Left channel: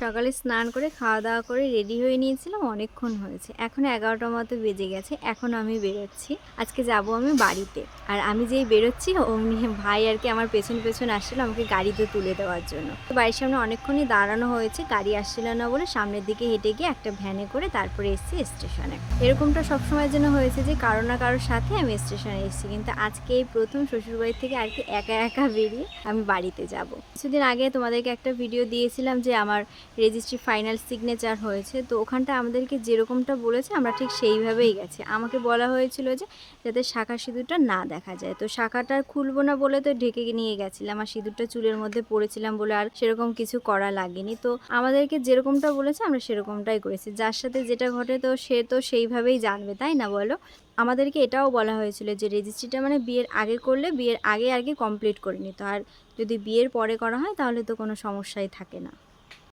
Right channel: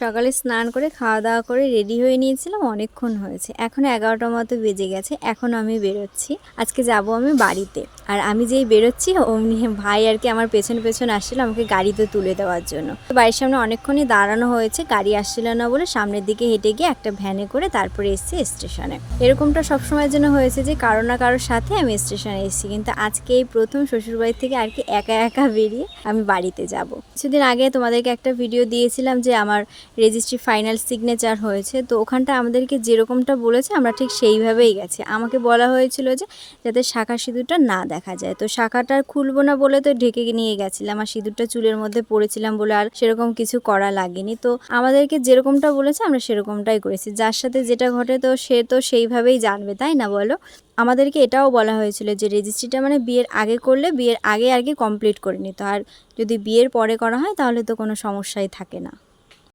সকালে স্নান করে খাওয়া দাওয়া করে রেডি হয়ে নিয়েছিলাম, অনেকক্ষণ হয়েছে, এখন 11টার মতো বেজে গেছে। এখন আমি বেরোচ্ছি, আজকে যাব আমি বাড়িতে। আর আমি যেই বেরোচ্ছি অমনি ভাই আর কি আমার পেছন পেছন আসছিল আমাকে গাড়িতে তুলে দেওয়ার জন্য। তো বাড়ির সামনে অনেকক্ষণই দাঁড়ানো হয়েছে, গাড়ি আসছিল না বলে সামনের দিকে হেঁটে গিয়ে একটা ভ্যানে করে তারপরে এসেছি স্টেশনে। এরকমটা সবসময়ের জন্য হয়েছে যে কারো না কারোর সাথে আমি স্টেশনে এসেছি, কিন্তু আজকে এই প্রথম শ্বশুরবাড়ি থেকে আর কি একা একা বেরিয়ে আমি বাড়িতে যাব। কিছুদিন আগে তোমাদেরকে একটা ভিডিও দিয়েছিলাম যে আমার রেজিস্ট্রি ফাইনাল সিগনেচার হয়েছে, তো ওখানটা আমাদেরকে যেরকমটা বলেছে আমরা ঠিক সেইভাবেই গেছি। আমাকে বলা হয়েছিল যে যাতে শাঁখা সিঁদুরটা না দেখা যায়, তো শাঁখাটা খুলবো না বলে তো ঢেকে নিয়ে গেছিলাম, আর সিঁদুরটা চুলের মধ্যে পড়েছিলাম বলে আর সেরকম কিছু করা লাগেনি। তো আমাদেরকে যেরকমটা বলেছে আমরা সেরকমটাই করেছি, যার সাথে যেটা ঘটে তো সে তো সেইভাবেই জানবে, তাই না বলো। আমাদেরকে এটাও বলা হয়েছিল যে রেজিস্ট্রিটা মানে বিয়ের আগে করলে বিয়ের আগে আর কি কমপ্লিট করে নিত, আর যদি বিয়ের পরে করা হয় তাহলে তো কোনো সমস্যাই থাকে না।